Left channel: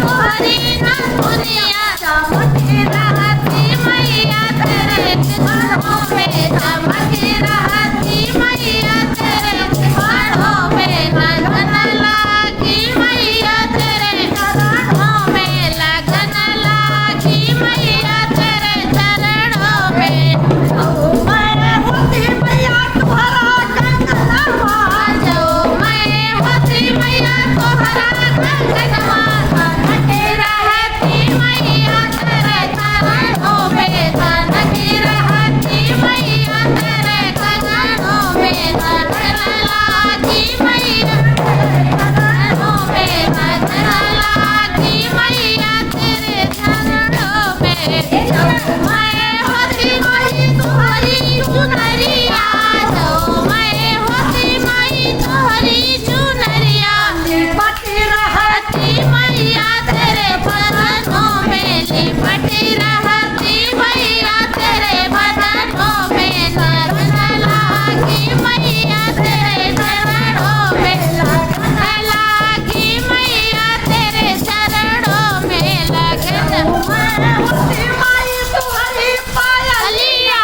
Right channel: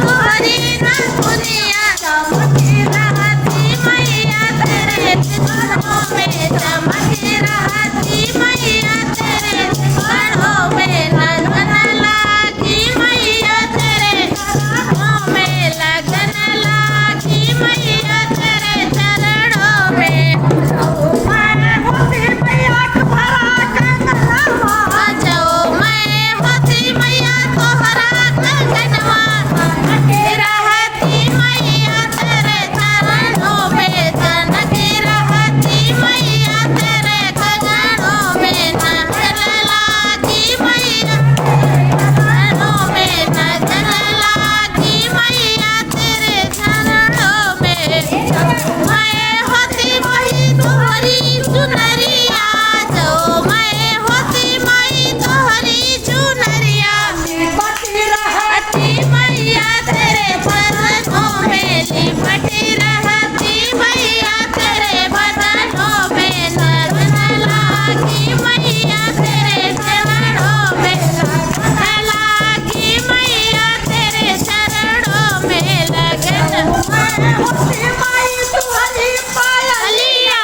तुम्हारी नथुनिया चमकी रहती मैया तेरे मुखड़ों में चमकी रहती मैया तेरे मुखड़ों में लगन लागी मैया तेरे चरणों में लगन लागी मैया तेरे चरणों में मैं होती मैया तुम्हारा कंगनवा जो मैं होती मैया तुम्हारा कंगनवा धनके रहती मैया तेरे चरणों में धनके रहती मैया तेरे चरणों में लगन लागी मैया तेरे चरणों में लगन लागी मैया तेरे चरणों में मैं होती माई तुम्हारी चुनरिया जो मैं होती माई तुम्हारी चुनरिया लिपटी रहती मैया तेरे बदनों में लिपटी रहती मैया तेरे बदनों में लगन लागी मैया तेरे चरणों में लगन लागी मैया तेरे चरणों में लगन मैं होती माई तुम्हारी पायलिया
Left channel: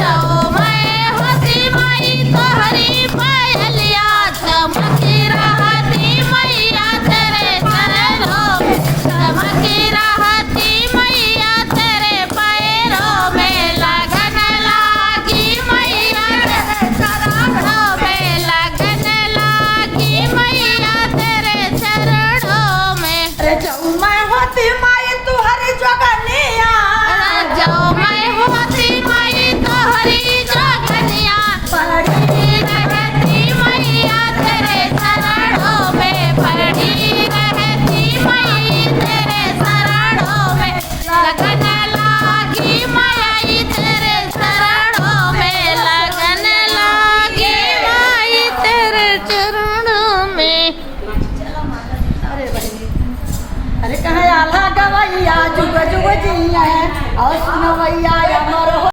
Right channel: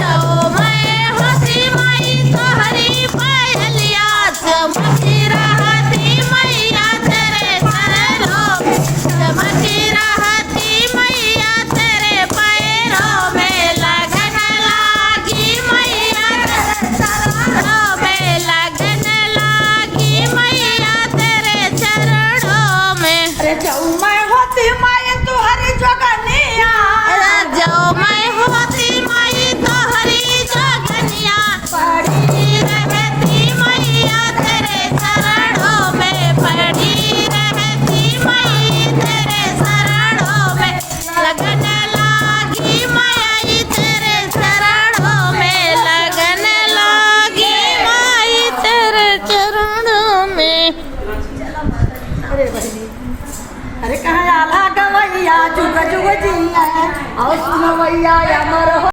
जो मैं होती माई तुम्हारी पायलिया चमकी रहती मैया तेरे पैरों में चमकी रहती मैया तेरे पैरों में लगन लागी मैया तेरे चरणों में लगन लागी मैया तेरे चरणों में अरे जाऊँ मैं होती माई तुम्हारी जोगनिया जाओ मैं होती माई तुम्हारी जोगनिया पड़ी रहती मैया तेरे चरणों में पड़ी रहती माई तेरे चरणों में लगन लागी माई तेरे चरणों में लगन लागी माई तेरे चरणों में अरे बहनी अरे कहाँ आला गवैया जुग जुग जिया और सुनवैया अमर हो